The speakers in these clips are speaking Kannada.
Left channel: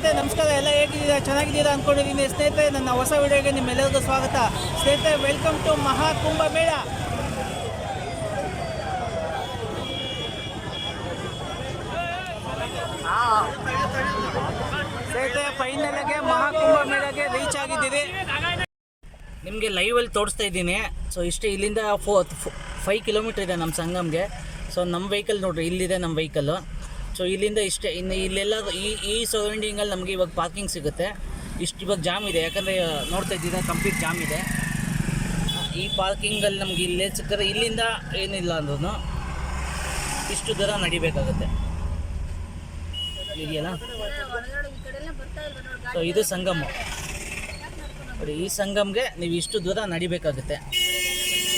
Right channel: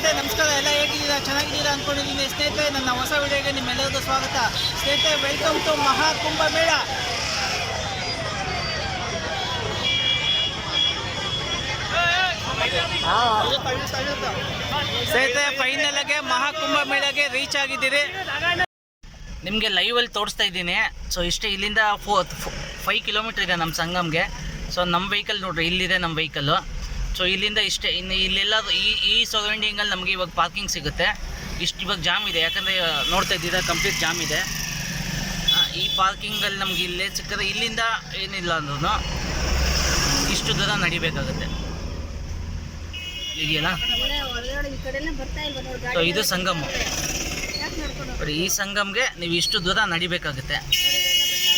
ಸ್ನೇಹಿತರೆ ನಮಸ್ಕಾರ, ಎಲ್ಲ ಹೇಗಿದ್ದೀರಾ? ಚೆನ್ನಾಗಿದ್ದೀರಾ ಅಂದ್ಕೊಂಡಿದ್ದೀನಿ ಸ್ನೇಹಿತರೆ. ನನ್ನ ಹೊಸ ವಿಡಿಯೋಗೆ ನಿಮ್ಮೆಲ್ಲರಿಗೂ ಸ್ವಾಗತ ಸ್ನೇಹಿತರೆ. ವೆಲ್ಕಮ್ ಟು ಮಹಾಕುಂಭ ಮೇಳ. ಸ್ನೇಹಿತರೆ, ಫೈನಲ್ ಆಗಿ ಮಹಾಕುಂಭ ಮೇಳಗೆ ರೀಚ್ ಆಗಿದ್ದೀರಿ. ನಿಮಗೆ ಲೈವಲ್ಲಿ ತೋರಿಸ್ತಾ ಇದ್ದೀನಿ. ಸೊ ಇಷ್ಟೇ, ಇಲ್ಲಿಂದ 5 ಕಿಲೋಮೀಟ್ರ್ ಇದೆ ನಮ್ಮ ಸಂಗಮ್ಗೆ. ಸೊ ನಮ್ಮ ವೆಹಿಕಲ್ ನೋಡ್ರಿ, ಇಲ್ಲಿದೆ ನಮ್ಮ ವೆಹಿಕಲ್ಲು. ಸೊ ಇಲ್ಲಿಂದ ಇಷ್ಟೇ. ಇನ್ನು ಇಲ್ಲೆಲ್ಲ ಈ ಸರೌಂಡಿಂಗಲ್ಲಿ ನಮಗೆ ಇವಾಗ ಪಾರ್ಕಿಂಗ್ ಸಿಗುತ್ತೆ. ಇವಾಗ ಜಾಮ್ ಇದೆ, ಯಾಕಂದರೆ ನೋಡ್ತಾ ಇದ್ದೀರಾ ಕಂಪ್ಲೀಟ್ ಜಾಮ್ ಇದೆ. ಈ ಪಾರ್ಕಿಂಗಲ್ಲಿ ನಮ್ಗೆ ಇಲ್ಲೇ ಸಿಕ್ಕರೆ ಇಲ್ಲಿಂದ ಏನಿಲ್ಲ ಅಂದ್ರೂ ಇಷ್ಟು ದೂರ ನಡಿಬೇಕಾಗುತ್ತೆ. ಇದೆಯಲ್ಲ, ಸೊ ಇದು ಸಂಗಮ ನೋಡಿ. ಈ ಸಂಗಮ್ಗೆ ನೀವು ಇಷ್ಟು ದೂರ ನಡಿಬೇಕಾಗುತ್ತೆ.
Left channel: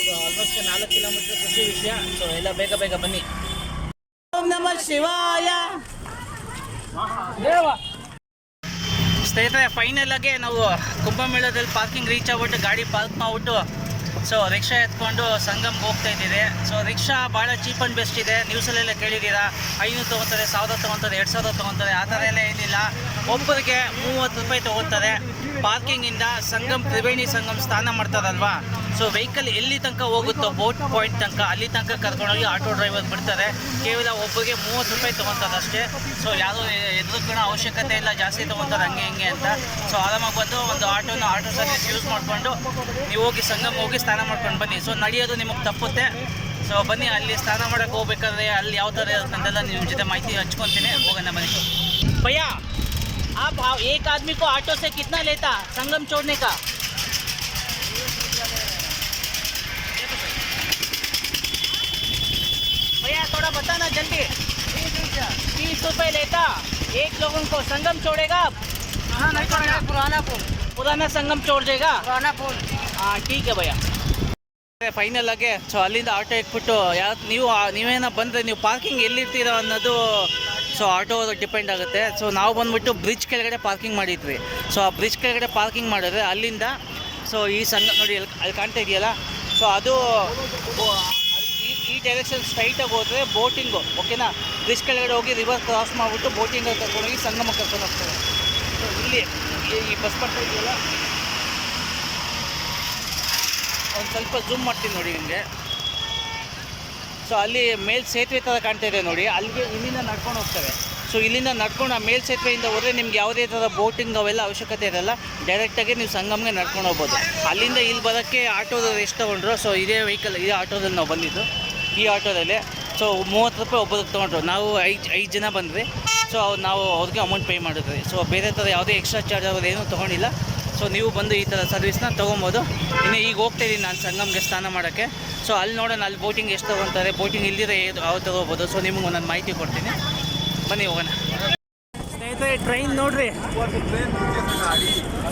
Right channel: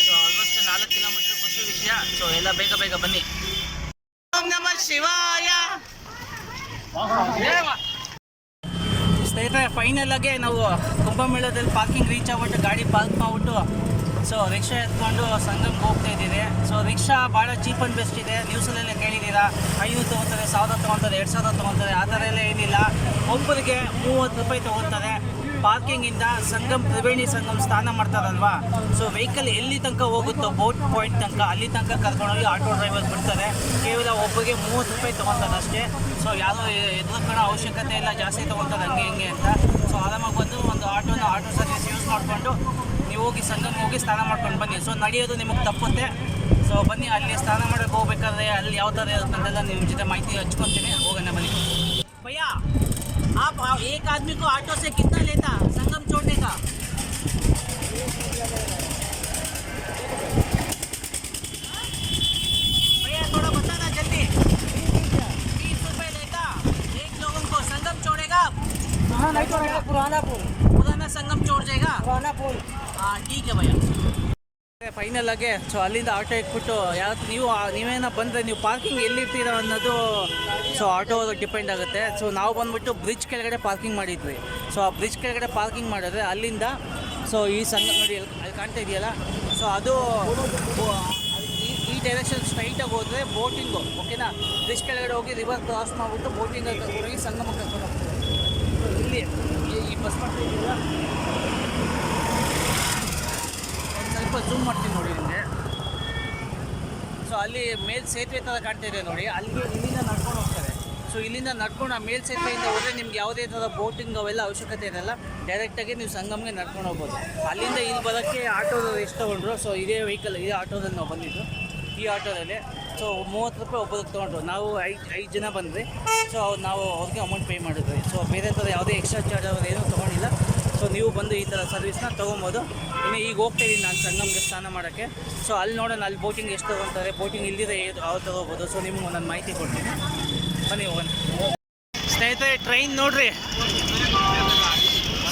ಸೊ ಆಲ್ಮೋಸ್ಟ್ 4 ಕಿಲೋಮೀಟ್ರ್, ಖುಷಿ ವಿಷಯ. ಸೊ ಎಲ್ಲ ಬೇಗ ಬೇಗ ಬನ್ನಿ. ಓಂ ನಮಃ ಶಿವಾಯ. ಸ್ನೇಹಿತರೆ, ಫೈನಲ್ ಆಗಿ ನಾವು ಕುಂಭಮೇಳದಲ್ಲಿ ಪಾರ್ಕಿಂಗ್ ರೀಚ್ ಆಗ್ಬಿಟ್ಟು ಗಾಡಿ ಪಾರ್ಕ್ ಮಾಡಿಬಿಟ್ಟು ಸೊ ರಿಕ್ಷಾ ಎತ್ಕೊಂಡು ಸಂಗಮ್ಗೆ ಹೋಗ್ತಾ ಇದ್ದೀರಿ. ಸೊ ರಿಕ್ಷಾ ಭಾಳ ಚೀಪ್ ಆ್ಯಂಡ್ ಬೆಸ್ಟ್ ಇದೆ. ನ್ಯೂಸಲ್ಲೆಲ್ಲ ಕೇಳಿದ್ದೀರಾ, 500 ತೊಗೊತಾರೆ, 1000 ತೊಗೊತಾರೆ, 2000 ತೊಗೊತಾರೆ. ಆ ಥರ ಎಲ್ಲ ಏನಿಲ್ಲ. ಒಬ್ಬರಿಗೆ 30 ರೂಪಾಯಿ ತೊಗೊತಾರೆ. ಪಾರ್ಕಿಂಗಿಂದ ತ್ರಿವೇಣಿ ಸಂಗಮ್ ಸ್ನಾನ ಮಾಡ್ತಾರಲ್ವಾ, ಸೊ ವೆಹಿಕಲ್ ಎಲ್ಲಿ ತನಕ ಹೋಗುತ್ತೋ ಬೋಟ್ ಪಾಯಿಂಟ್ ತನಕ, ಅಲ್ಲಿ ತನಕ ಕರ್ಕೊಂಡೋಗಿ ಆಟೋ ಡ್ರೈವರ್ ಬಿಡ್ತಾರೆ. ಕೇವಲ ಒಬ್ಬರಿಗೆ 30 ರೂಪಾಯಿ ತೊಗೊತಾರೆ ಅಷ್ಟೇ. ಸೊ ಯಾರೂ ಎದುರುಕೊಳ್ಳೋ ಅವಶ್ಯಕತೆ ಇಲ್ಲ, ಜಾಸ್ತಿ ತೊಗೊತಾರೆ ಹಂಗೆ ಹಿಂಗೆ ಅಂತ. ಸೊ ಆರಾಮಾಗಿ ಬಂದು ಒಂದು ಆಟೋ ಸರ್ವಿಸ್ ಯೂಸ್ ಮಾಡಿಕೊಂಡು ನೀವು ಹೋಗಿ ಸಂಗಮ್ ಹೋಗಿ ಸ್ನಾನ ಮಾಡ್ಕೊಂಡು ಬನ್ನಿ. ಸೊ ನಡೆಯೋದು ನಿಮಗೆ ತಪ್ಪುತ್ತೆ. ಸೊ ಬನ್ನಿ, ಅಲ್ಲಿ ಸ್ನಾನ ಮಾಡೋಕ್ಕೆ ಹೋಗ್ಬೇಕಾದ್ರೆ ಅಲ್ಲಿ ಯಾವ ಥರ ಇರುತ್ತಂತೆಲ್ಲ ನಿಮ್ಮ ಜೊತೆ ಮಾಹಿತಿ ಹಚ್ಕೊತೀನಿ. ಹೋಗೋಣ ಬನ್ನಿ. ಭಯ್ಯ, आप एक आदमी को ऑटो से कितना लेता संगम छोड़ने का? भैया थोड़ा बताना जल्दी। 30 रुपये लेता एक लोगों को. संगम छोड़ेगा? हाँ, नहीं छोड़ेगा. पुराना संगम छोड़ जाएगा. पुराना पुल. हाँ ठीक है भैया. ಫೈನಲ್ ಆಗಿ ಸೊ ಅಲ್ಲಿಂದ ಆಟೋ ಇಟ್ಬಿಟ್ಟು ನೀವೇನೋ ಬಂದರೆ ನೀವು ಪಾರ್ಕಿಂಗ್ ಎಲ್ಲಿರ್ತೀರ ಅನ್ನೋದು ಸೊ ಆಟೋ ಡಿಪೆಂಡ್ ಆಗುತ್ತೆ. ಸೊ ನಾವು ಬಂದುಬಿಟ್ಟು ಬ್ರಿಡ್ಜ್ ಕೆಳಗಡೆ ಪಾರ್ಕಿಂಗ್ ಮಾಡಿದ್ವಿ. ಸೊ ಆ ಬ್ರಿಡ್ಜ್ ಕೆಳಗಡೆ ಪಾರ್ಕಿಂಗ್ ಮಾಡಿದ್ರೆ ಅಲ್ಲಿಂದ ಸೊ ಈ ಸಂಗಮ ನೋಡಿ ಅಲ್ಲಿ ಕಾಣ್ತಾ ಇದೆಯಲ್ಲ, ಸೊ ಅದು ಈ ಡೈರೆಕ್ಷನ್ ಸ್ಟ್ರೈಟಾಗಿ ಹೋದರೆ ಬೋಟಿಂಗು, ಓಕೆನಾ. ಬ್ರಿಡ್ಜ್ ಕೆಳಗಡೆ ಹೋಗಿ ರಿವರ್ ಕ್ರಾಸ್ ಮಾಡಿಬಿಟ್ಟು ಬೋಟಿಂಗಲ್ಲಿ ಕರ್ಕೊಂಡೋಗಿ ಸಂಗಮ ಕರ್ಕೊಂಡು ಹೋಗ್ತಾರೆ. ಸೊ ಇಲ್ಲಿ ಈ ಬಸ್ ಬರ್ತಾ ಇದೆಯಲ್ಲ, ಒಂದು ಸ್ವಲ್ಪ ಝೂಮ್ ಮಾಡ್ತೀನಿ ನೋಡಿ ನಿಮಗೆ. ಸೊ ಅಲ್ಲಿ ಮೇಲ್ ಸೇತುವೆ ಥರ ಕಾಣ್ತಾ ಇದೆ ನೋಡಿ, ಅಲ್ಲಿಗೆ ಇಲ್ಲಿಂದ ನಡ್ಕೊಂಡು ಹೋಗ್ತವೆ. ಸೊ ಇಲ್ಲಿಂದ ನಡ್ಕೊಂಡು ಆ ಮೇಲ್ ಸೇತುವೆಯಿಂದ ಹೋದರೆ ನಿಮ್ಗೆ ಯಾವುದೇ ಥರ ಬೋಟಿಂಗ್ ಅವೆಲ್ಲ ಅವಶ್ಯಕತೆ ಇರಲ್ಲ. ಡೈರೆಕ್ಟಾಗಿ ನೀವು ಸಂಗಮ್ಗೆ ನಡ್ಕೊಂಡು ಹೋಗ್ಬೋದು. ಅಲ್ಲಿಂದ ಇಲ್ಲಿ ಬರೋಕ್ಕೆ ಆಟೋದಲ್ಲಿ ಎಷ್ಟು ತೊಗೊಂಡ್ರು, ಸೊ ಇದೇ ಆಟೋದಲ್ಲಿ ನಾವು ಬಂದಿದ್ದು. ಈ ಆಟೋದಲ್ಲಿ ಸೊ 30 ರೂಪಾಯಿ ಒಬ್ಬರಿಗೆ ತೊಗೊಂಡ್ರು. ನಾವು 5 ಜನ ಬಂದ್ವಿ. ಸೊ ನಾವು ಅವ್ರಿಗೆ ಅಮೌಂಟ್ ಪೇ ಮಾಡಿದ್ವಿ. ಸೊ ಬೇರೆ ಥರ ಯಾವುದೇ ಎಕ್ಸ್ಟ್ರಾ ಚಾರ್ಜ್ ಅವ್ರು ಏನೂ ತೊಗೊಂಡಿಲ್ಲ. ಸೊ ನೀವು ಬಂದು ಈ ಥರ ಸರ್ವಿಸ್ನ ತೊಗೊಬೋದು. ಇನ್ನು ಈಗ ಹೋಗ್ತಾಯಿದ್ದೀನಿ ನಾನು ಸಂಗಮ್ಗೆ ಸ್ನಾನ ಮಾಡೋಕ್ಕೆ. ಸೊ ಅಲ್ಲಿ ನೋಡೋಣ, ಅಲ್ಲಿ ಬೋಟಿಂಗ್ ಎಷ್ಟು ತೊಗೊತಾರೆ, ಬೋಟಿಂಗ್ ಇಲ್ದಿದ್ರೆ ಯಾವ ಥರ ಹೋಗ್ಬೋದು. ಸೊ ನಿಮಗೆ ಒಂದೊಂದು ಮಾಹಿತಿ ಕೊಡ್ತೀನಿ, ಬನ್ನಿ ಹೋಗೋಣ. ಸ್ನೇಹಿತರೆ, ಟ್ರೈನ್ ನೋಡ್ರಿ.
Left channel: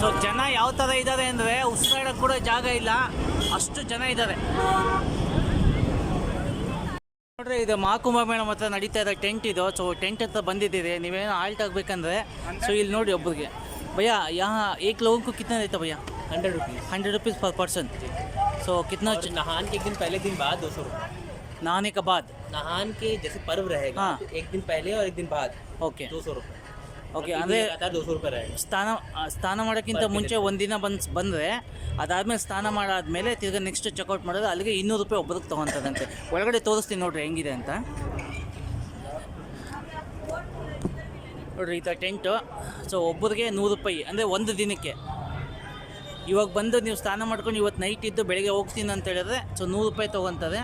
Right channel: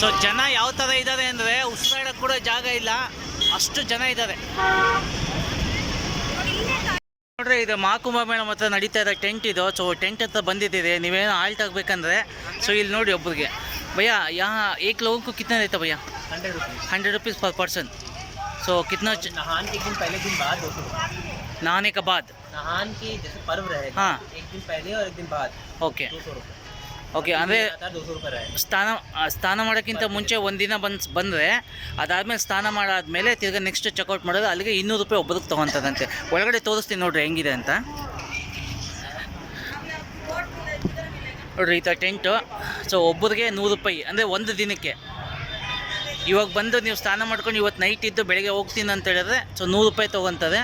ಸೊ ಜನ ಯಾವ ಥರ ಇದ್ದಾರೆ ಅಂದರೆ ಉಸಿರಾಡೋಕ್ಕೆ ಕೂಡ ಜಾಗ ಇಲ್ಲ, ಅಷ್ಟು ಜನ ಇದ್ದಾರೆ ನೋಡ್ರಿ. ಇದು ಮಹಾಕುಂಭ ಮೇಳ ಮಾತ್ರ ನಡೀತಾ ಇದೆ. ಟೆಂಟ್ ಇದು. ಸೊ ಟೆಂಟ್ ಹತ್ರ ಬಂದಿದ್ದೀರಿ. ನೀವೇನೋ ಆಲ್ಟ್ ಆಗಬೇಕಂದ್ರೆ ಸೊ ಇಲ್ಲಿ ನೋಡಿ ಒಬ್ಬರಿಗೆ. भैया यहाँ एक लोगों को कितना देता भैया? 100 रुपीज़ पर पर्सन. सो कितना? नहान के दिन पहले दिन बाद 200 रुपये. नहाने के बाद नहान के जैसे पर्व रहेगा, हाँ, तो एक दिन पहले और एक दिन बाद. ओके 200 रुपये. ಓಕೆ. ಅಂದರೆ 200 रुपये रहेगा. ಸ್ನಾನ ಮಾಡೋಕ್ಕಿಂತ ಮುಂಚೆ ಒಂದಿನ ಬಂದರೆ ಅದಾದಮೇಲೆ ಸ್ನಾನ ಮಾಡಾದ್ಮೇಲೆ ತಿರ್ಗಿ ನೆಕ್ಸ್ಟ್ ಚೆಕ್ಔಟ್ ಮಾಡೋದು. ಅಲ್ಲಿಗೆ 200 ರೂಪಾಯಿ ಒಬ್ಬರಿಗೆ ತೊಗೊತದಂತೆ. ಒಳಗಡೆ ತೋರಿಸ್ತೀನಿ ನೋಡ್ರಿ ಹೆಂಗಿದೆ ಅಂತ ನೋಡ್ರಿ. ಈ ಥರ ಟೆಂಟು. ಸೊ ಒಬ್ಬರಿಗೆ 100 ರೂಪಾಯಿ, ಅಂದರೆ ಒಂದು ದಿನಕ್ಕೆ. ಇವಾಗ ಬಂದು ನೀವು ಸ್ನಾನ ಮಾಡ್ಕೊಂಡು ಇವತ್ತು ನೈಟ್ ಇದ್ದು ಬೆಳಗ್ಗೆ ಹೋಗ್ತೀನಿ ಅಂತ ಹೇಳಿದ್ರೆ ಸೊ 100 ರೂಪಾಯಿ ತೊಗೊತಾರೆ.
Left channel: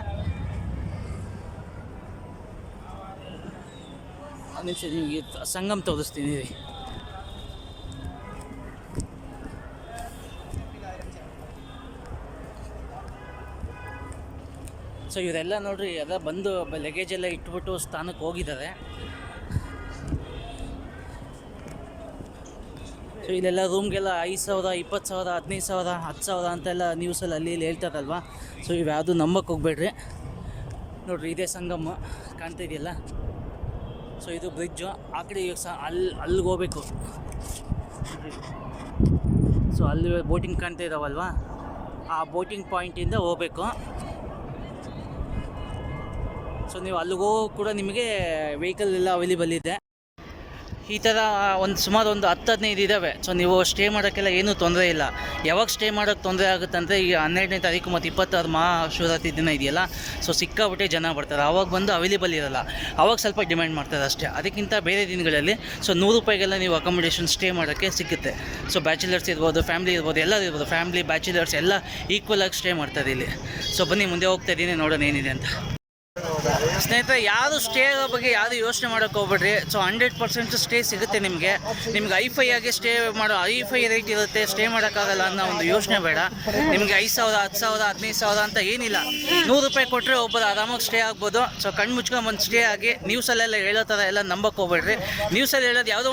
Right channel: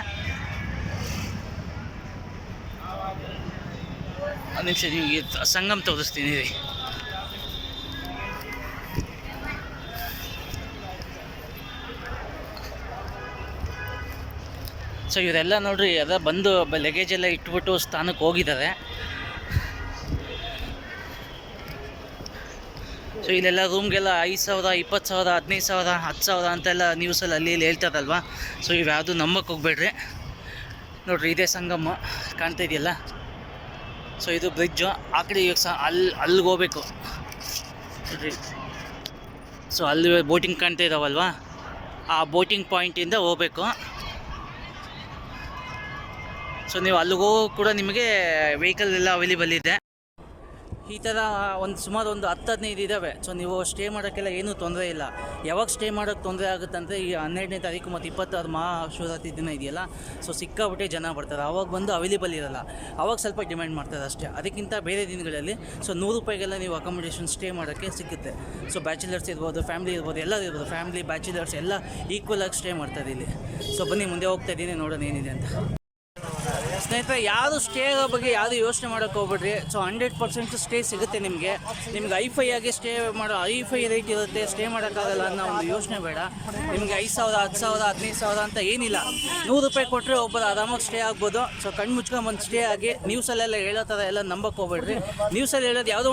ಒಂದು ನಿಮಿಷ ನಿಮಗೆ ಸಂಗಮ್ ತೋರಿಸ್ತೀನಿ ರೀ. ಸೊ ಇವರೆಲ್ಲ ನೋಡ್ರಿ ಅದ ಬಂದು ಲಗೇಜ್ ಎಲ್ಲ ಇಟ್ಬಿಟ್ಟು ಸ್ನಾನಕ್ಕೆ ಹೋಗಿದ್ದಾರೆ. ಸೊ ಇಲ್ಲೆಲ್ಲ ರೂಮ್ಗೆಲ್ಲ 5,000, 20,000, 15,000, 10,000 ಅಂತೆಲ್ಲ ನ್ಯೂಸಲ್ಲಿ ಅಲ್ಲಿ ಇಲ್ಲಿ ಹೇಳ್ತಾರಲ್ವ. ಸೊ ಇವು ಯಾವುದು ನಂಬಕ್ಕೆ ಹೋಗ್ಬೇಡ್ರಿ. ನೋಡಿರಿ, ಇದೇ ಸಂಗಮ ಕಾಣ್ತಾ ಇದೆಯಲ್ಲ. ಸೊ ಇದು ಬ್ರಿಡ್ಜು. ಆ ಕಡೆ ಇವಾಗ ಅಲ್ಲಿಗೆ ಹೋಗ್ಬೇಕು ನೋಡಿರಿ. ಸೊ ಅಲ್ಲಿ ಬೋಟಿಂಗ್ ಕಾಣ್ತಾ ಇದ್ದಾವಲ್ವ, ಆ ಬೋಟಿಂಗ್ ಪಾಯಿಂಟಿಂದ ಹೋಗಬೇಕು. ಸೊ ನೀವು ಅಲ್ಲಿಗೆ ಹೋಗೋ ಕೂಡ ನಿಮಗೆ ವೆಹಿಕಲ್ ಎಲ್ಲ ಅವೈಲೇಬಲ್ ಇದೆ. ಈ ಥರ ಸುಮಾರು ಒಂದು 10-15 ಇದ್ದಾವೆ. ಸೊ ನೀವು ಸ್ಟೇ ಮಾಡೋಕ್ಕೆಲ್ಲ ಏನೂ ತೊಂದರೆ ಇಲ್ಲ. ಯಾವಾಗ ಸ್ಟೇ ಮಾಡೋಕ್ಕೆ ತೊಂದರೆ ಆಗುತ್ತೆ ಅಂದರೆ ಈಗ 12ನೇ ತಾರೀಕು ಮತ್ತು 26 ಮಹಾಶಿವರಾತ್ರಿ ದಿನ ಇದೆಯಲ್ಲ, ಸೊ ಸಿಕ್ಕಾಬಿಟ್ಟೆ ಜನ ಬರ್ತಾರೆ. ಆವಾಗ ಬಂದು ಅವೈಲೇಬಲ್ ಇರೋಲ್ಲ, ಆವಾಗ ಸ್ವಲ್ಪ ಡಿಮ್ಯಾಂಡ್ ಮಾಡ್ತಾರೆ ಅಷ್ಟೇ. ಅದಕ್ಕಿಂತ ಬೇರೆ ದಿನಗಳಲ್ಲಿ ಸೊ 100 ರೂಪಾಯಿಗೆಲ್ಲ ನೀವು ಅಕಾಮಿಡೇಷನ್ ಸ್ಟೇ ಮಾಡೋಕ್ಕೆ ಸಿಗುತ್ತೆ. ಸೊ ಬ್ಯಾಚುಲರ್ಸ್ ಇರ್ಬೋದು, ಫ್ಯಾಮಿಲಿ ಇರ್ಬೋದು, ಎಲ್ಲರೂ ಇರ್ಬೋದು. ಫ್ಯಾಮಿಲಿ ಬ್ಯಾಚುಲರ್ಸ್ ಎಲ್ಲ ಈಕ್ವಲ್ ಆಗಿ ಸ್ಟೇ ಮಾಡ್ತಾರೆ ಇಲ್ಲಿ. ಸೊ ಬನ್ನಿ ಮುಂದೆ ಹೋಗ್ತಾ ಇದ್ದೀನಿ, ನೋಡೋಣ ಏನಿದೆ ಅಂತ. ಸ್ನೇಹಿತರೆ, ಯಾರು ಸ್ಟೇ ಬಗ್ಗೆ ಯಾರು ಯೋಚನೆ ಮಾಡೋಕ್ಕೆ ಹೋಗ್ಬೇಡ್ರಿ. ಸೊ 100% ಸ್ಟೇ ಸಿಗುತ್ತೆ ನಿಮಗೆ. ಐಫೈ ಆಗಿ ಸ್ಟೇ ಮಾಡೋ ಐಫೈ ರೇಟ್ ಇರುತ್ತೆ, ಸ್ಟೇ ಮಾಡೋಕ್ಕಾಗಲ್ಲ ಅನ್ನೋ ಒಂದು ಯೋಚನೆ ಬೇಡ. ನಿಮಗೆ 5,000, 10,000, 15,000 ಅಂತ ಏನಿಲ್ಲ. 100 ರೂಪಾಯಿ ಕೊಟ್ಟರೆ ಒಬ್ಬರು ಆರಾಮಾಗಿ ಸ್ಟೇ ಆಗ್ಬೋದು. ಸೊ ಕಣ್ಣು ಮುಚ್ಕೊಂಡು ಸ್ಟೇ ಆಗಿ. ನ್ಯೂಸಲ್ಲೆಲ್ಲ ಹೇಳೋ ಥರ ಎಲ್ಲ ನಂಬಕ್ಕೆ ಹೋಗ್ಬೇಡ್ರಿ. ನ್ಯೂಸಲ್ಲಿ ಹೇಳೋದು ಯಾವುದೋ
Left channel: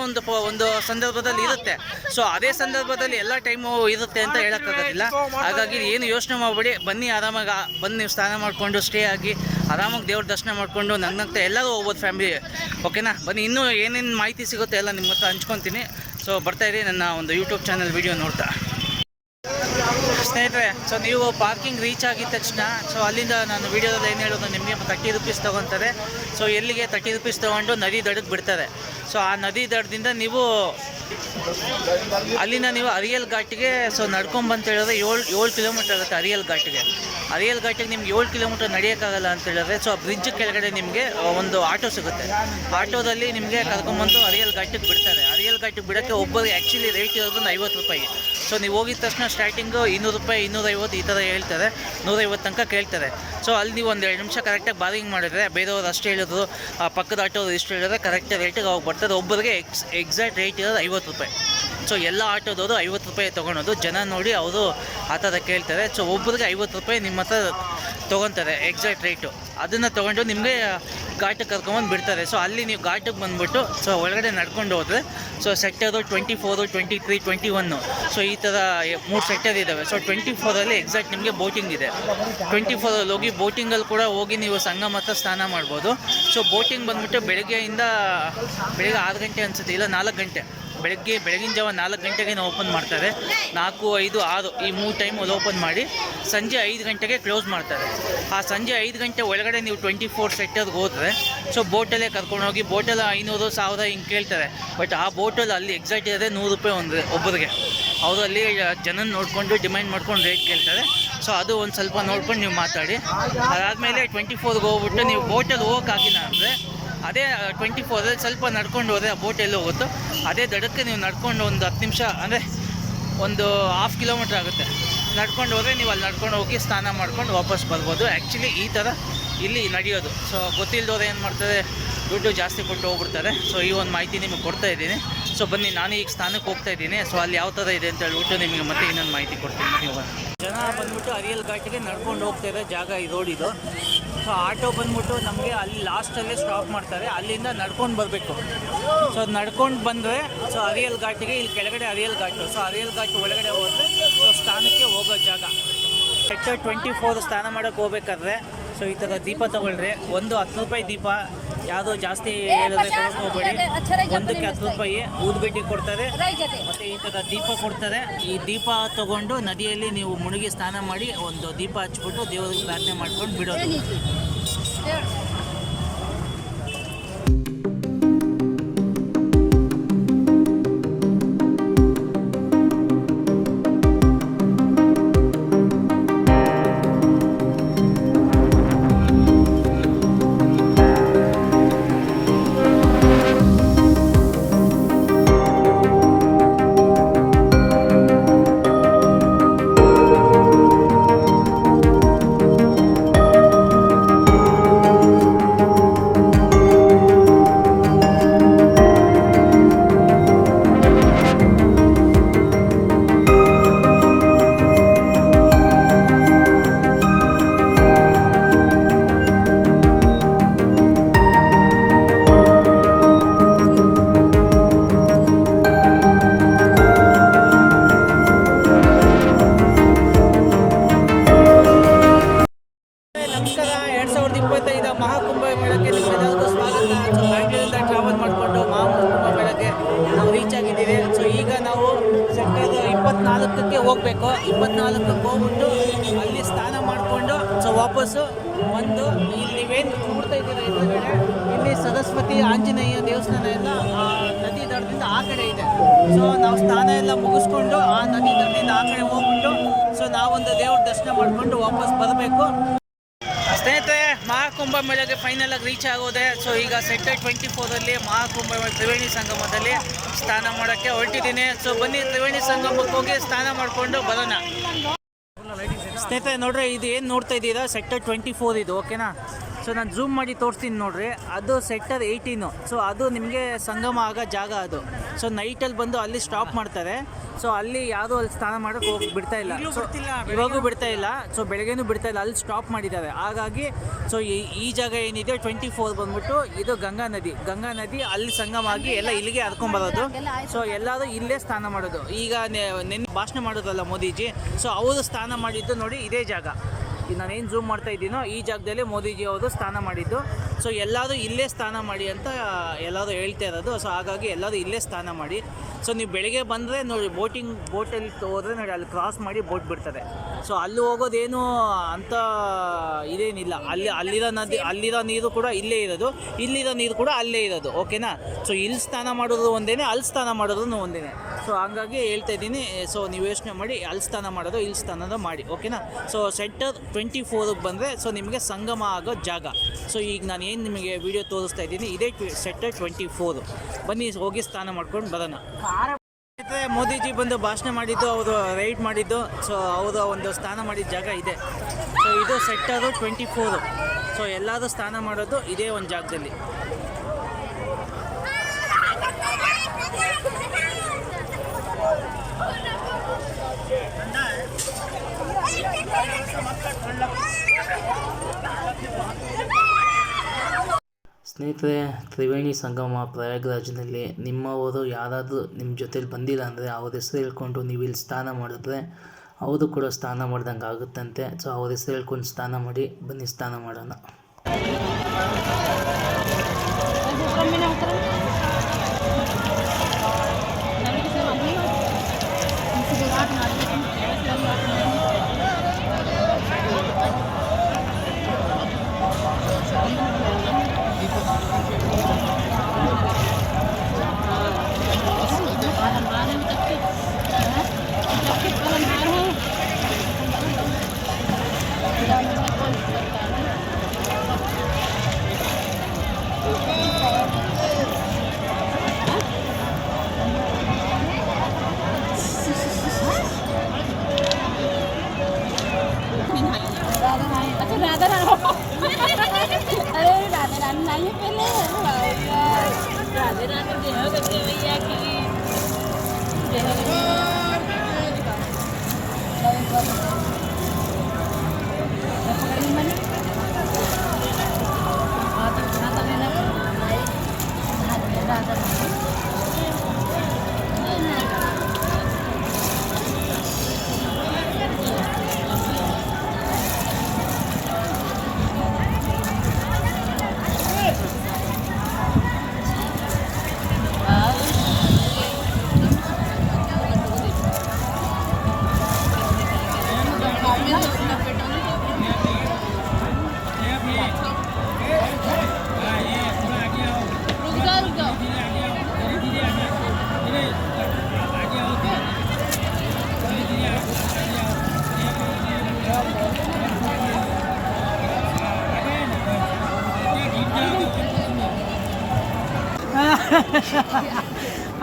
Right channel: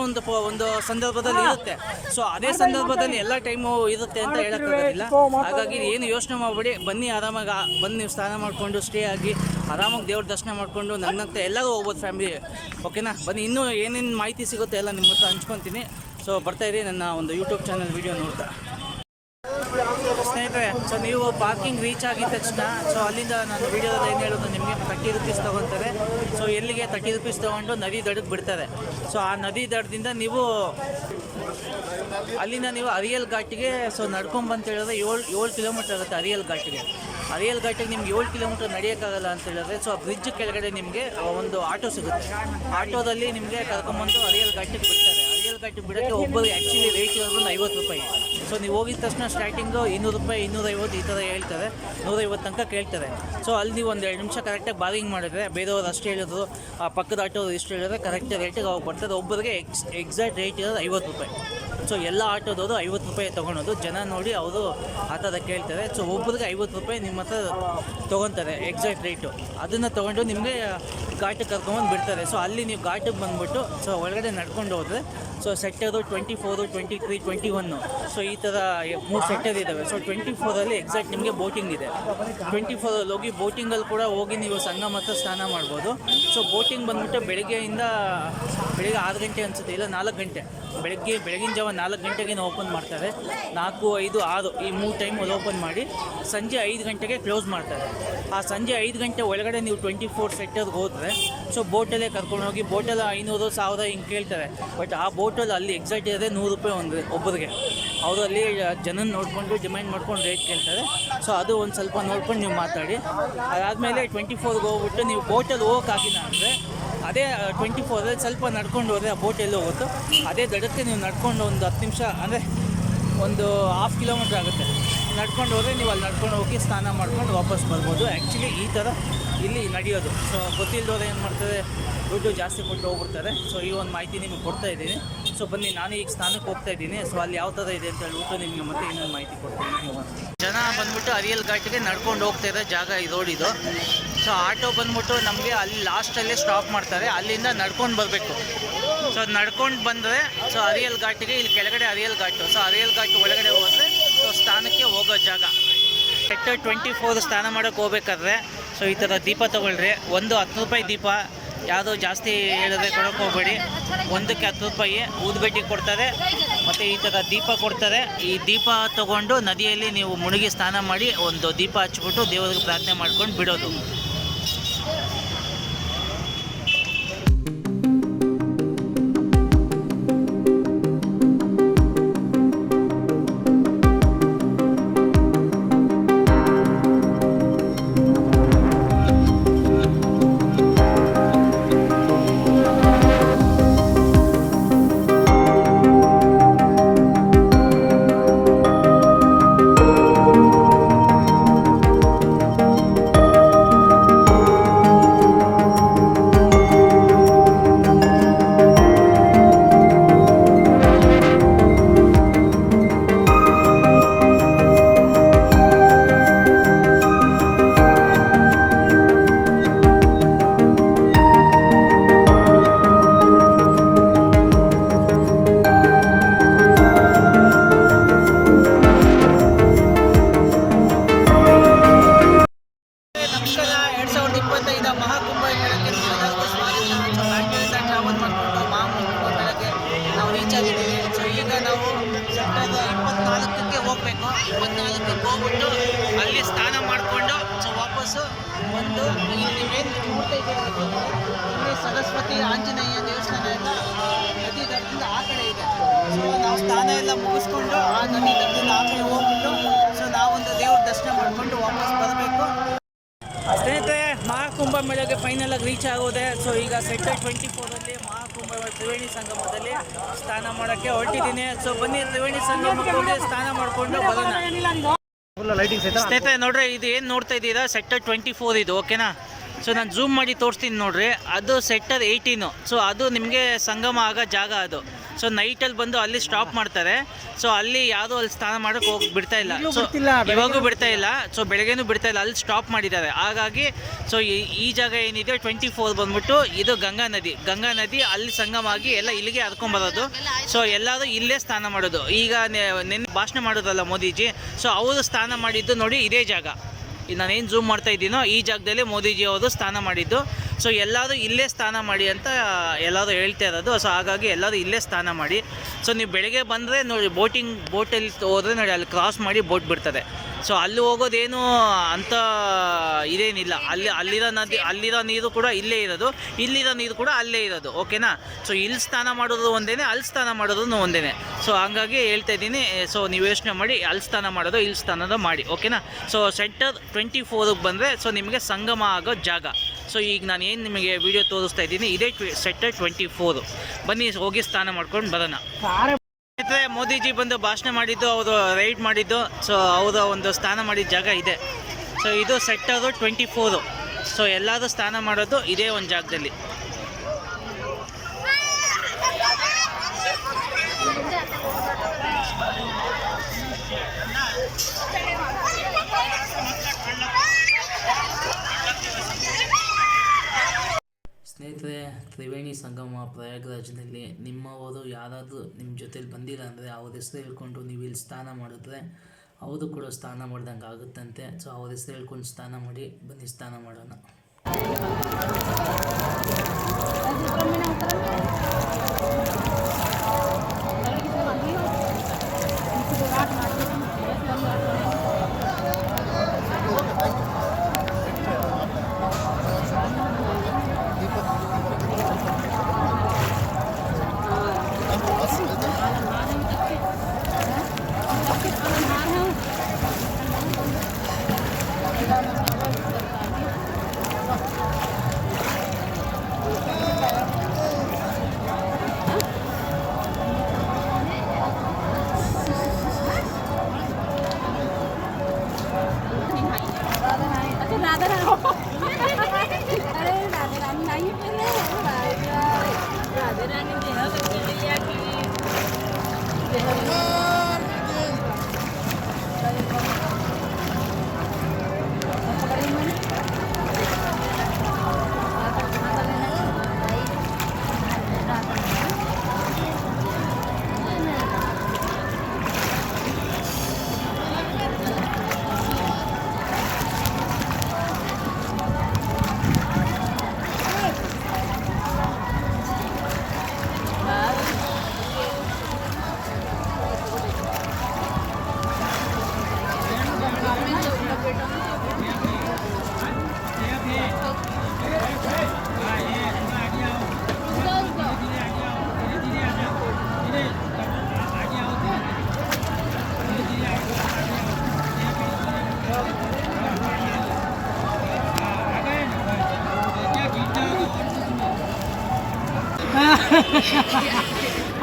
ಒಂದು ಸಂದರ್ಭದಲ್ಲಿ ಇರುತ್ತೆ. ಸೊ ಅದೇ ಸಂದರ್ಭದಲ್ಲಿ ಎಲ್ಲ ಟೈಮು ಇರುತ್ತೆ ಅಂತ ಹೇಳೋಕ್ಕಾಗೋದಿಲ್ಲ. ಹಾಗಾಗಿ ಏನು ಯೋಚನೆ ಮಾಡಬೇಡಿ. ಬನ್ನಿ ಆರಾಮಾಗಿ ಬಂದು ನೀವು ಸ್ನಾನ ಮಾಡಿಕೊಂಡು ಸ್ಟೇ ಆಗಿ ಆರಾಮಾಗಿ ದೇವ್ರ ದರ್ಶನ ಮಾಡಿಕೊಂಡು ನಗ್ನಗ್ತಾ ಎಲ್ಲರೂ ಹೋಗ್ಬೋದು ಫ್ಯಾಮಿಲಿ. ಓಕೆನಾ? ಬನ್ನಿ, ಇನ್ನೂ ಏನೇನು ಮಾಹಿತಿ ಸಿಗುತ್ತೆ ಎಲ್ಲ ನಿಮ್ಮ ಹತ್ರ ಹಂಚ್ಕೊತೀನಿ. ಸೊ ಬರ್ತಾಯಿರಿ ನನ್ನ ಒಂದು ಯೂಟ್ಯೂಬ್ ಚಾನಲ್ ವೀಡಿಯೋ ನೋಡ್ತಾ. ಸ್ನೇಹಿತರೆ, ಸೊ ನೀವು ಪಾರ್ಕಿಂಗ್ ರೀಚ್ ಆಗಿದ ತಕ್ಷಣ ಸೊ ಅಲ್ಲಿಂದ ನಾನು ವೀಡಿಯೋದಲ್ಲಿ ಏನು ಹೇಳೋದು, ನಿಮಗೆ 30 ರೂಪೀಸ್ ತೊಗೊತಾರೆ. ಸೊ ಎಲ್ಲಿಗೆ 30 ರೂಪೀಸ್ ತೊಗೊಂಡು ನದಿ ದಡಕ್ಕೆ ಬಿಡ್ತಾರೆ. ಸೊ ಆ ನದಿ ದಡದಿಂದ ನೀವು ಅಲ್ಲಿಂದ ನೀವು ಅರಿಯಲ್ ಘಾಟಿಗೆ ಸೊ ನಡ್ಕೊಂಬಂತ ಹೇಳಿದ್ರೆ 7 ಕಿಲೋಮೀಟರ್ ಆಗುತ್ತೆ ಅರಿಯಲ್ ಘಾಟಿಗೆ. ಅರಿಯಲ್ ಘಾಟಿಗೆ ನಿಮ್ಗೆ 7 ಕಿಲೋಮೀಟರ್ ನಡೆಯೋಕ್ಕಾಗಲ್ಲ ಅಂತ ಹೇಳಿದ್ರೆ ಸೊ ಆ ಬ್ರಿಡ್ಜ್ ಕೆಳಗಡೆ ನಿಮಗೆ ಒಂದು ಆಟೋ ಸಿಗುತ್ತೆ. ಆಟೋದಲ್ಲಿ ನಿಮಗೆ ಕರ್ಕೊಂಬಂದು ಅರಿಯಲ್ ಘಾಟಿಗೆ ಬಿಡ್ತಾರೆ. ಅರಿಯಲ್ ಘಾಟಿಗೆ ಬಿಡೋಕ್ಕೆ ಒಬ್ಬರಿಗೆ ಆ್ಯಕ್ಚುಲಿ ರೇಟ್ ಇರೋದು 50 ರೂಪಾಯಿ. ಸೊ ನೀವು ಹೋಗಿದ ತಕ್ಷಣ ಸ್ಟಾರ್ಟಿಂಗು 200 ರೂಪಾಯಿ, 250 ಈ ಥರ ಹೇಳ್ತಾರೆ. 150 ತನಕ ಕೇಳ್ತಾರೆ. ಸೊ ಅಲ್ಲಿ ನೀವು ಒಂದು 2 ನಿಮಿಷ ಕರೆಕ್ಟಾಗಿ ಬಾರಿಂಗ್ ಮಾಡಿದ್ರೆ ಬೇರೆಯವ್ರು ಅಷ್ಟು ಹೇಳಿದ್ರು, ಆ ಪಕ್ಕದ ಆಟೋದು ಇಷ್ಟು ಹೇಳಿದ್ರೆ ಕರೆಕ್ಟಾಗಿ ರೇಟಿಗೆ ಹೋಗಿ ಬರ್ತಾರೆ. ಒಬ್ಬರಿಗೆ ಎಕ್ಸಾಕ್ಟ್ ರೇಟ್ ಇರೋದು 50 ರೂಪಾಯಿ. ಸೊ ಎಲ್ಲ ಆಟೋದವರು 50 ರೂಪಾಯಿ ತೊಗೊಳೋದು. ಜನ ನೋಡಿ ಅವರು ಆ ಥರ ಕೇಳ್ತಾರೆ. ಸೊ ಒಬ್ಬರಿಗೆ 50 ರೂಪಾಯಿ ನಿಮ್ಮ ಹತ್ರ ತೊಗೊತಾರೆ ಎಕ್ಸಾಕ್ಟ್ ರೇಟು. ಅದನ್ನು ತೊಗೊಂಡು ನಿಮಗೆ ಘಾಟಿಗೆ ಕರ್ಕೊಂಬಂದು ಬಿಡ್ತಾರೆ. ಸೊ ಅಲ್ಲಿ ನೀವು ಘಾಟಿಗೆ ಬಂದುಬಿಟ್ಟು ಸೊ ಒಳಗಡೆ ನಡ್ಕೊಂಡು ಹೋದರೆ ಸೊ ಸೆಕ್ಟರು 24, 23, 21 ಸೊ ಈ ಥರ 3 ಸೆಕ್ಟರ್ ಇದ್ದಾವೆ. ಸೊ 24ಅಲ್ಲಿ ಎಕ್ಸಾಕ್ಟ್ ನಿಮಗೆ ಬೋಟಿಂಗ್ ಇದೆ. 24ಅಲ್ಲಿ ಹೋಗಿ ಬೋಟಿಂಗಲ್ಲಿ ಕೂಡ ಹೋಗಿ ನೀವು ಸಂಗಮ ಹತ್ರ ಸ್ನಾನ ಮಾಡ್ಬೋದು. ಸೊ ಬೋಟಿಂಗ್ ಬಂದುಬಿಟ್ಟು ಬೆಳಗ್ಗೆ 6 ಗಂಟೆ ಅನಿಸುತ್ತೆ, ಇಲ್ಲ 4 ಗಂಟೆ ಬೆಳಗಿನ ಜಾವ 4 ಗಂಟೆಗೆ ಓಪನ್ ಮಾಡ್ತಾರೆ. 4, 5, 6 ಈ 3 ಟೈಮ್ ಅಲ್ಲಿ ಓಪನ್ ಮಾಡಿ ಸಂಜೆ 5 ಗಂಟೆಗೆ ಕ್ಲೋಸ್ ಮಾಡ್ತಾರೆ. ಆ ಸಂಜೆ 5 ಗಂಟೆ ಒಳಗಡೆ ನೀವು 24 ಸೆಕ್ಟರ್ಗೆ ಹೋದರೆ ಸೊ ಬೋಟಲ್ಲೇ ಕರ್ಕೊಂಡೋಗಿ ಬೋಟಲ್ಲಿ 500, 1000 ಹಿಂಗೆ ಕೇಳ್ತಾರೆ. ಬಟ್ ಆ ಬೋಟಲ್ಲಿ ಅಲ್ಲಿ ಎಕ್ಸಾಕ್ಟ್ ಇರೋದೇ 100 ರೂಪಾಯಿ ಒಬ್ಬರಿಗೆ. ಅವರು ಅಲ್ಲಿ ಜನ ನೋಡಿಕೊಂಡು ಡಿಮ್ಯಾಂಡ್ ಮಾಡ್ಕೊಂಡು ರೇಟ್ ಕೇಳ್ತಾರೆ. ಸೊ ಅದು ಒಂದು ಸ್ವಲ್ಪ ನೋಡ್ಕೊಂಡು ನೀವು ಮಾತಾಡಿ. ಅದಾದಮೇಲೆ 24ಗೆ ಹೋಗ್ಬಿಟ್ಟು ನೀವು ಬೋಟಲ್ಲಿ ಹೋಗೋಕ್ಕಾಗಿಲ್ಲ ಅಂದರೆ ಅದೇ 24ಅಲ್ಲಿ ಸ್ವಲ್ಪ ನಡ್ಕೊಂಡು ಹೋದರೆ ಆ ಬೋಟ್ ಎಲ್ಲೋ ಹೋಗುತ್ತೋ ಅದೇ ದಡಕ್ಕೆ ನೀವು ನಡ್ಕೊಂಡು ಒಂದು 10 ನಿಮಿಷ ಅಂದರೆ ಒಂದು 1/2 ಕಿಲೋಮೀಟ್ರ್ ಆಗುತ್ತೆ. ನಡ್ಕೊಂಡು ಹೋದರೆ ನೀವು ಅಲ್ಲಿ ನಡ್ಕೊಂಡು ಹೋಗಿ ಸ್ನಾನ ಮಾಡ್ಕೊಂಡು ವಾಪಸ್ ಬರ್ಬೋದು. ಆ್ಯಕ್ಚುಲಿ ಈ ಥರ ಇಲ್ಲಿ ನಡೆಯೋದು. ಸೊ ಗೊತ್ತಿಲ್ಲದವ್ರು ಏನು ಮಾಡ್ತಾರೆ, ದುಡ್ಡು ಜಾಸ್ತಿ ಕೊಟ್ಟು ಹೋಗ್ಬಿಡ್ತಾರೆ. ಸೊ ಈ ಒಂದು ಮಾಹಿತಿ ನಿಮಗೆ ಕೊಡ್ತಾ ಇದ್ದೀನಿ. ಸೊ ಬನ್ನಿ, ನಾನು ಈಗ ಸ್ನಾನಕ್ಕೆ ಹೋಗ್ತಾ ಇದ್ದೀನಿ. ಸೊ ಅಲ್ಲಿ ಯಾವ ಥರ ಇದೆ ಅಂತ ಹೇಳ್ಬಿಟ್ಟು ನಿಮಗೆ ಮತ್ತೆ ಇನ್ನೊಂದು ಮಾಹಿತಿ ಕೊಡ್ತೀನಿ. ನೀವು ಜನ ಬಂದ್ಬಿಟ್ಟು ಅರಿಯಲ್ ಘಾಟಿಗೆ ನಡ್ಕೊಂಡು ಹೋಗ್ತಾ ಇರೋ ಜಾಗ ಈ ರೋಡ್ ಇದು. ಸೊ ಆಟೋ ಬಂದ್ಬಿಟ್ಟು ನಮಗೆ ಅಲ್ಲಿ ಲಾಸ್ಟಲ್ಲೇ ಸ್ಟಾಪ್ ಮಾಡ್ತಾರೆ. ಅಲ್ಲಿಂದ ನಡ್ಕೊಂಡು ಬರಬೇಕು. ಸೊ ನಡ್ಕೊಂಡು ಬಂದರೆ ಸೊ ಅರಿಯಲ್ ಘಾಟಿಗೆ, ಇಲ್ಲಿ ಕೆಳಗಡೆ ಅರಿಯಲ್ ಘಾಟು. ಸೊ ಅರಿಯಲ್ ಘಾಟ್ ಒಳಗಡೆ ಹೋದರೆ ಸೊ ಸ್ಥಾನಕ್ಕೆ ಹೋಗೋ ಜಾಗ. ಸೆಕ್ಟರ್ 24 ಸ್ನಾನ ಮಾಡೋಕ್ಕೆ ಹೋಗ್ಬೇಕಾದ್ರೆ ಸೊ ಈ ಥರ ದೀಪ ತೊಗೊಳ್ರಿ. ಒಂದು 10 ರೂಪಾಯಿ ದೀಪ, ಯಾವುದೋ ಜಾಸ್ತಿ ಹೇಳಿದ್ರೆ ಕೊಡೋಕೆ ಹೋಗಬೇಡಿ. ಒಂದಕ್ಕೆ 10 ರೂಪಾಯಿ ಊದುಬತ್ತಿ ಕೊಡ್ತಾರೆ ಮತ್ತು ಈ ಥರ ದೀಪ ಕೊಡ್ತಾರೆ. ಈ ದೀಪ ತೊಗೊಂಡು ನದಿಯಲ್ಲಿ ನೀವು ಮುಳುಗಿ ಸ್ನಾನ ಮಾಡಿ ಒಂದು ದೀಪ ಹಚ್ಬಿಟ್ಟು ದೇವರಿಗೆ ಪ್ರಾರ್ಥನೆ ಮಾಡ್ಕೊಂಡು ಬಿಡೋದು. ಮಹಾಕುಂಭಮೇಳಕ್ಕೆ ನಿಮ್ಮೆಲ್ಲರಿಗೂ ಸ್ವಾಗತ. ಸೊ ಬ್ಯಾಂಗ್ಳೂರಿಂದ ಟ್ರಾವೆಲ್ ಮಾಡಿಕೊಂಡು ಮಹಾಕುಂಭಮೇಳಕ್ಕೆ ನಾವು ರೀಚ್ ಆಗಿದ್ದೀವಿ. ಸೊ ಈಗ ನಾವು ಸೆಪ್ಟೆಂಬರ್ 24ಕ್ಕೆ ಹೋಗಬೇಕು. 24ಕ್ಕೆ ಹೋಗ್ಬಿಟ್ಟು ಅಲ್ಲಿ ಸ್ನಾನ ಮಾಡಿಕೊಂಡು ಸೊ ವಾಪಸ್ಸು ಬಂದು ಇಲ್ಲಿ ನೀವೇನು ನೋಡ್ತಾ ಇದ್ದೀರಾ ನೋಡ್ರಿ ಸರಸ್ವತಿ ಆಂಜನೇಯ ದೇವಸ್ಥಾನ ಎಲ್ಲ ಆ ನದಿ ದಡದಿಂದ ಆ ಕಡೆ ಇದೆ. ಸೊ ನಾವು ಸ್ನಾನ ಎಲ್ಲ ಮುಗಿಸ್ಕೊಂಡು ಆ ನದಿ ದಡದಿಂದ ಆ ಕಡೆ ಹೋಗ್ಬಿಟ್ಟು ಸೊ ನಾವೊಂದು ದೇವ್ರ ದರ್ಶನ ಮಾಡಿಕೊಂಡು ವಾಪಸ್ ಬರಬೇಕು. ಸ್ನೇಹಿತರೆ, ಮಹಾಕುಂಭ ಮೇಳಗೆ ಫೈನಲ್ ಆಗಿ ರೀಚ್ ಆಗೋದೆ. ಸೊ ಈಗ ಸೆಕ್ಟರ್ 24 ಮಹಾಕುಂಭ ಮೇಳ ತ್ರಿವೇಣಿ ಸಂಗಮದಲ್ಲಿ ಸ್ನಾನ ಮಾಡೋಕ್ಕೆ ಹೊರಟಿದ್ದೀನಿ. ಸೊ ಬನ್ನಿ ತ್ರಿವೇಣಿ ಸಂಗಮಕ್ಕೆ ಹೋಗಿ ಸ್ನಾನ ಮಾಡಿಕೊಂಡು ಬರೋಣ. ಸ್ನೇಹಿತರೆ ನೋಡ್ರಿ, ಇದು ಏನು ನೋಡ್ತಾ ಇದ್ದೀರಾ ಸೆಕ್ಟರ್ 24 ಇದು, ಓಕೆನಾ? ಸೊ ನಾನು ಝೂಮ್ ಮಾಡಿ ತೋರಿಸ್ತೀನಿ ನೋಡ್ರಿ, ಅದು ಸೆಕ್ಟರ್ 18. ಸೊ ಅದು ನಿಮಗೆ ಸಂಗಮ ಆಗೋ ಜಾಗ ಅದು. ಸೊ ನೈಟಲ್ಲಿ ಬಂದು ಅಲ್ಲಿ ಸ್ಟಾಪ್ ಮಾಡ್ತಾರೆ. ಸೊ ಅಲ್ಲಿ ಯಾವುದು ಅಲ್ಲಿ ಸ್ನಾನ ಮಾಡೋಕ್ಕೆ ಹೋಗಿ ಬಿಡ್ತಾ ಇಲ್ಲ. ಸೊ ಇವಾಗೂ ಬಿಡ್ತಾ ಇಲ್ಲ, ಸೊ ಬೆಳಗ್ಗೆನೂ ಬಿಡ್ತಾ ಇಲ್ಲ, ಅಲ್ಲಿ ಸ್ಟಾಪ್ ಮಾಡಿದ್ದಾರೆ. ಹಾಗಾಗಿ ಸೊ ಈ ಜಾಗ ಏನಿದೆ 24 ಬಂದ್ಬಿಟ್ಟು ಇದು ಗಂಗಾ ನದಿ ಅಲ್ಲಿ ಸಂಗಮ ಆಗಿ ಎಲ್ಲ ಇಲ್ಲಿಗೆ ಹರ್ಕೊಂಬರೋದು. ಸೊ ಎಲ್ಲರೂ ಇಲ್ಲೇ ಸ್ನಾನ ಮಾಡೋದು. ಈಗ ನೆನ್ನೆ ಭಾಷಣ ಮಾಡೋದಲ್ಲ ಮೋದಿಜಿ, ಸೊ ಅವರು ಸ್ನಾನ ಮಾಡಿದ್ದು ನೋಡಿ ಇದೇ ಜಾಗ. ಈಗ ನಾನೇನು ಝೂಮ್ ಮಾಡ್ತಾ ಇದ್ದೀನೋ ಈ ಜಾಗದಲ್ಲಿ ಮೋದಿಜಿ ಅವರು ಸ್ನಾನ ಮಾಡಿದ್ದು. ಸೊ ಎಲ್ಲರೂ ಇಲ್ಲೇ ಸ್ನಾನ ಮಾಡಿ ಅಂತ ಎಲ್ಲರೂ ಹೇಳ್ತಾ ಇರೋದು. ಸೊ ಹಾಗಾಗಿ ಎಲ್ಲರೂ ಇಲ್ಲೇ ಸ್ನಾನ ಮಾಡಿ. ಸೊ ನೀವು ಬೆಳಗ್ಗೆ ಬಂದರೆ ನೋಡಿ ಬೋಟಲ್ಲಿ ಹೋದರೆ ನೋಡಿ ಅಲ್ಲಿ ಕ್ರಾಸ್ ಮಾಡಿ ಬೋಟ್ ಬಿಡ್ತದೆ. ಸೊ ಅಲ್ಲಿ ಹೋಗೋದೇನು ಅಂತ ಇದೇನಿಲ್ಲ. ಅಲ್ಲಿರೋ ನೀರು ಕೂಡ ಇಲ್ಲೇ ಇರೋದು, ಇಲ್ಲಿರೋ ನೀರು ಕೂಡ ಅಲ್ಲೇ ಇರೋದು, ಓಕೆನಾ? ಸೊ ಇಲ್ಲಿ ಸ್ನಾನ ಮಾಡೋದು ಒಂದೇ, ಅಲ್ಲಿ ಸ್ನಾನ ಮಾಡೋದು ಒಂದೇ. ಸೊ ಹಂಗಾಗಿ ಹೇಳ್ತಾ ಇದ್ದೀನಿ. ಸೊ ನೀವು ಯೋಚನೆ ಮಾಡಿ, ಅಲ್ಲಿ ಸ್ನಾನ ಮಾಡೋದು ಇಲ್ಲಿ ಸ್ನಾನ ಮಾಡಿ, ಓಕೆನಾ? ಸೊ ಸೆಕ್ಟರ್ 24ಗೆ ಬಂದರೆ ಸೊ ನಿಮಗೆ ಸಂಗಮ ಆಗೋ ಜಾಗ. ಸೊ ಈಗ ನಾನು ಏನು ನಿಮಗೆ ವಿಡಿಯೋ ತೋರಿಸ್ತಾ ಇದ್ದೀನಿ ಇದೇ ಸೆಕ್ಟರ್ 24. ಬನ್ನಿ ಹೋಗಿ ಸ್ನಾನ ಮಾಡ್ಕೊಂಡು ಬರೋಣ. ಮೋದಿಜಿ ಬಂದು ಭಾಷಣ ಮಾಡಿದ್ದು, ಅವರು ರೈಡ್ ಮಾಡಿದ್ದು, ಸೊ ಅವರ ಒಂದು ಸ್ನಾನ ಮಾಡಿದ ಜಾಗ ಇದೆ. ಸೊ ಇದು ಸೆಕ್ಟರು 24. ಸೊ ಎಲ್ಲರೂ ಸ್ನಾನ ಮಾಡೋದು ಇದೇ ಒಂದು ಜಾಗದಲ್ಲಿ. ಸ್ನೇಹಿತರೆ, ತ್ರಿವೇಣಿ ಸಂಗಮ ಪ್ರಯಾಗ್ರಾಜ್ನಲ್ಲಿ ನಿಮ್ಮವರು ಯಾರಾದರೂ ನಿಮ್ಮ ಜೊತೇಲಿ ಬಂದಿಲ್ಲ ಅಂದರೆ ಅವ್ರ ಹೆಸರು ಹೇಳ್ಕೊಂಡು ನೀವು ಇಲ್ಲಿ ಸ್ನಾನ ಮಾಡಿದ್ರೆ ಅವರು ಕೂಡ ಸ್ನಾನ ಮಾಡ್ದಂಗೆ ಆಗುತ್ತಂತೆ. ಸೊ ಅವ್ರ ಹೆಸರು ಹೇಳ್ಕೊಂಡು ಸ್ನಾನ ಮಾಡಿ. ಬನ್ನಿ ಸ್ನಾನ ಮಾಡೋಣ.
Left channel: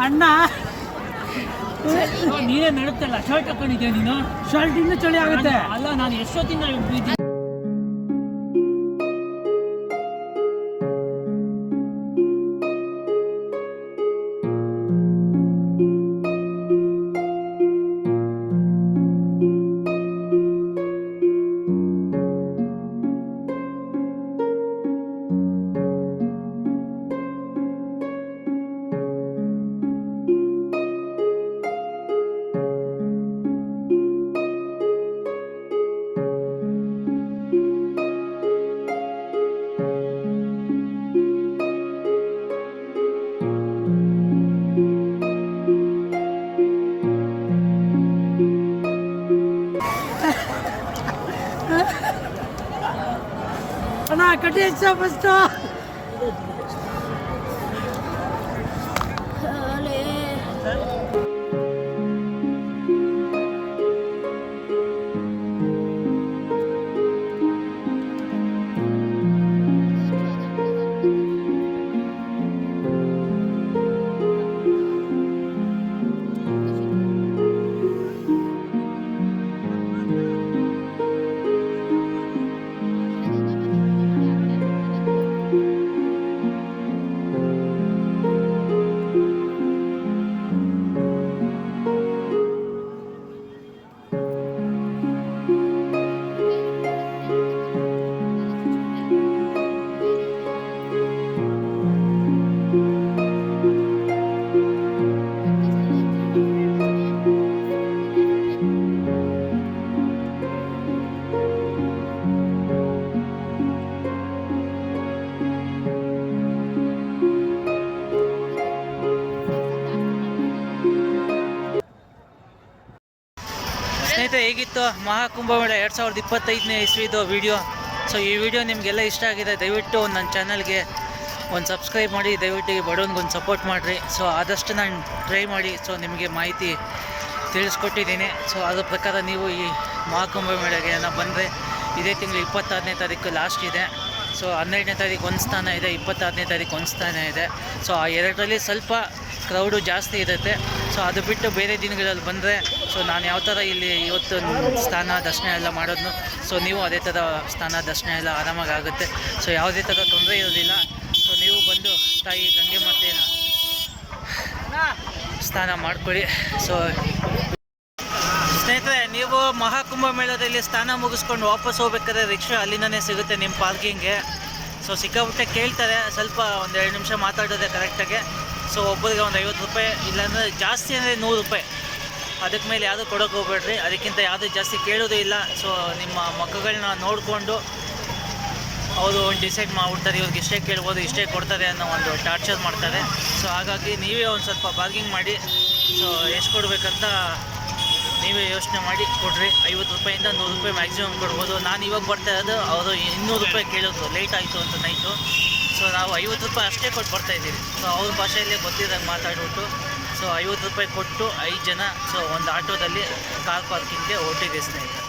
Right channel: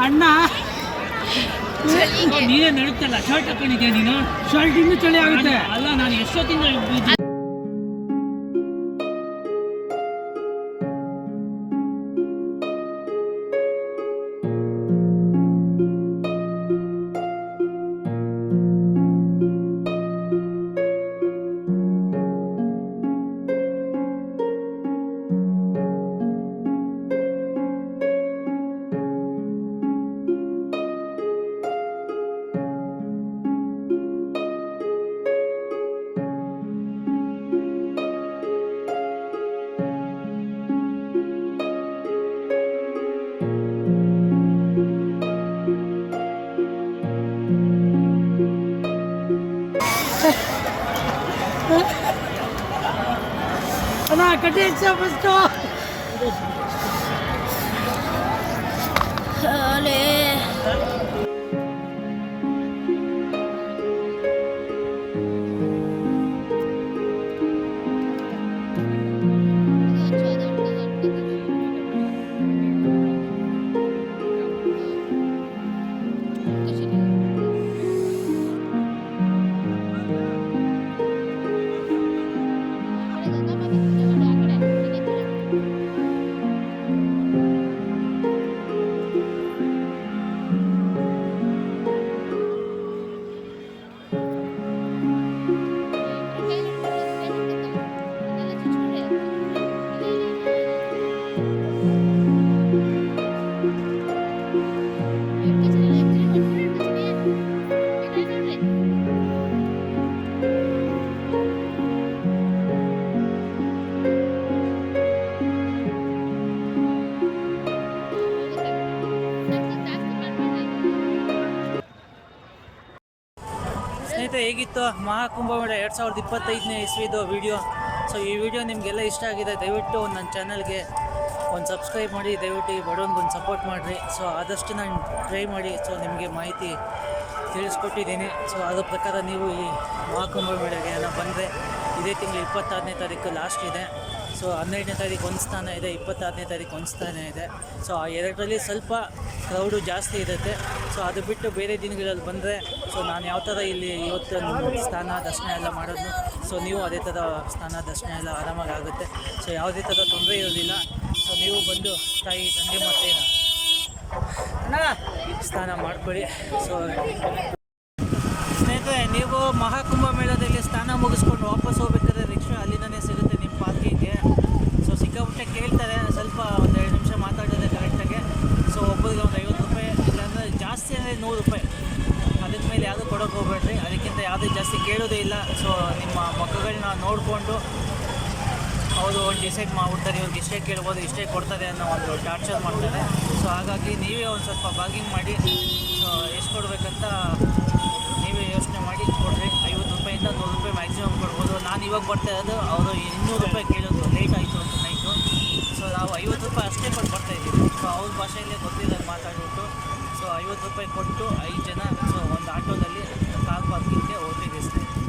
ಅಣ್ಣ ನೀನೇ ನಡುತ್ತಲ್ಲ, ಶರ್ಟ್ ಹಾಕೊಂಡಿದ್ಯಾ ನೀನು? ಶರ್ಟ್ ಇನ್ನೂ ಚಳಿ ಆಗುತ್ತೆ. ಅಲ್ಲ, ನಾನು ಎಷ್ಟೊತ್ತಿನ ಅಣ್ಣ ಕಟ್ಟಿ ಫಸ್ಟು ಸ್ನೇಹಿತರೆ, ಹೇಗಿತ್ತು ಮಹಾಕುಂಭಮೇಳ 2025ನೇ ಇಸ್ವಿದು ವಿಡಿಯೋ. ಸೊ ಈ ವಿಡಿಯೋ ನಿಮಗೆಲ್ಲ ಇಷ್ಟ ಆಗಿದೆ, ದಯವಿಟ್ಟು ನನ್ನ ಚಾನಲ್ಗೆ ಒಂದು ಸಬ್ಸ್ಕ್ರೈಬ್ ಮಾಡಿ, ದಯವಿಟ್ಟು ಈ ಬಡವನಿಗೊಂದು ಸಪೋರ್ಟ್ ಮಾಡಿರಿ. ಸೊ ಆದಷ್ಟು ನಾನು ಟ್ರೈ ಮಾಡಿ ನಿಮಗೆ ಮಾಹಿತಿ ತಿಳಿಸ್ಕೊಟ್ಟಿದ್ದೀನಿ. ಸೊ ಅದ್ರ ಪ್ರಕಾರ ನೀವು ಈ ಮಹಾಕುಂಭಮೇಳಗೆ ಬಂದರೆ ಇದೇ ತಿಂಗಳು 26ನೇ ತಾರೀಕು ಲಾಸ್ಟ್ ಇದೆ. ಸೊ 12ನೇ ತಾರೀಕು ಒಂದು ಸ್ಥಾನ ಇದೆ, 26ನೇ ತಾರೀಕು ಒಂದು ಸ್ಥಾನ ಇದೆ. ಸೊ ಆ ಎರಡರಲ್ಲಿ ಸ್ವಲ್ಪ ಕ್ರೌಡು ಜಾಸ್ತಿ ಇರುತ್ತೆ. ಸೊ ಅದು ಬಿಟ್ಟು ಬೇರೆ ದಿನಗಳಲ್ಲಿ ಬಂದರೆ ನಾನು ಯಾವ ಥರ ಇಲ್ಲಿ ಇವತ್ತು ಸ್ಥಾನ ದರ್ಶನ ಎಲ್ಲ ಮಾಡೋದು, ಸೊ ನೀವು ಅದೇ ಥರ ಸ್ಥಾನ ದರ್ಶನ ಎಲ್ಲ ಆರಾಮಾಗಿ ಆಗುತ್ತೆ. ಸೊ ಯಾವುದೇ ಥರ ತೊಂದರೆ ಇರೋದಿಲ್ಲ. ಸೊ ನೀವು ಬಂದು ತಾಯಿ ಗಂಗೆ ಮಾತೆನ ಸ್ನಾನ ಮಾಡ್ಕೊಳ್ಳಿ. ಸೊ ಸ್ನೇಹಿತರೆ, ನೀವು ಮಹಾಕುಂಭಮೇಳದಲ್ಲಿ ಸ್ನಾನ ಮುಗಿಸ್ಕೊಂಡು ವಾಪಸ್ ಹೋಗ್ಬೇಕಾದ್ರೆ ರಿಕ್ಷಾ ಅಲ್ಲಿಂದನೇ ಸಿಗುತ್ತೆ ನಿಮ್ಮ ಪಾರ್ಕಿಂಗ್ಗೆ. ಸೊ ಸಿಕ್ಕಾಪಟ್ಟೆ ಕೇಳ್ತಾರೆ, ಸ್ವಲ್ಪ ಒಂದು 2 ನಿಮಿಷ ಮಾತಾಡೋದೆ ಕರೆಕ್ಟಾಗಿ. ಸೊ ಒಬ್ಬರಿಗೆ ಒಂದು 50 ರೂಪಾಯಿ, ಇಲ್ಲಾಂದರೆ ಜಾಸ್ತಿ ಅಂದರೆ 100 ರೂಪಾಯಿ. ಅದಕ್ಕೆ ಮೇಲೆ ಯಾವುದೂ ಕೊಡೋಕೆ ಹೋಗ್ಬೇಡ್ರಿ, ಅದಕ್ಕಿಂತ ಯಾವುದೂ ಜಾಸ್ತಿ ಕೇಳೋದೇ ಇಲ್ಲ. ಸೊ ನಿಮ್ಮ ಮಕ್ಕಳನ್ನ ನೋಡಿಕೊಂಡು ಅವರು ಒಂದು ಡಿಸೈಡ್ ಮಾಡಿಬಿಡ್ತಾರೆ, ಇವ್ರಿಗೆ ಇಷ್ಟೇ ಕೇಳ್ಬೋದು, ಇಷ್ಟೇ ಕೊಡ್ತಾರೆ ಅನ್ನೋ ಒಂದು ಟಾರ್ಚರ್ ಮಾಡ್ತಾರೆ. ಸೊ ಹಾಗಾಗಿ ನೀವೇ ಒಂದು ಸ್ವಲ್ಪ ಬಾರ್ಗಿಂಗ್ ಮಾಡಿ, ಸೊ ಎಷ್ಟು ಕೊಡಬೇಕಂತ ನೀವೇ ಯೋಚನೆ ಮಾಡಿ ಕೊಡ್ರಿ. 50 ರೂಪಾಯಿಂದ 100 ರೂಪಾಯಿ ಮ್ಯಾಕ್ಸಿಮಮ್ ಕೊಡ್ಬೋದು. ನಾನು ಇವಾಗ ಬರ್ತಾ ಇರೋದು ಅವರು 200 ರೂಪಾಯಿ ಕೇಳೋದು, ಲೇಟ್ ಆಯಿತು ಅಂತ ನೈಟು. ಸೊ ನಾವು 50 ರೂಪಾಯಿ ಅಷ್ಟೇ ಕೊಟ್ಟು ಬರ್ತಾಯಿದ್ದೀವಿ. ಸೊ ಅವ್ರ ಭಾಷೆಯಲ್ಲೇ ಗೊತ್ತಿದ್ದಾಗ ಮಾತಾಡ್ಬಿಟ್ಟು ಸೊ 50 ರೂಪಾಯಿ ಕೊಟ್ಟು 5 ಜನ ಸೊ ಒಂದು ಆಟೋದಲ್ಲಿ ಕಾರ್ ಪಾರ್ಕಿಂಗ್ಗೆ ಹೊರಟಿದ್ದೀವಿ ಸ್ನೇಹಿತರೆ.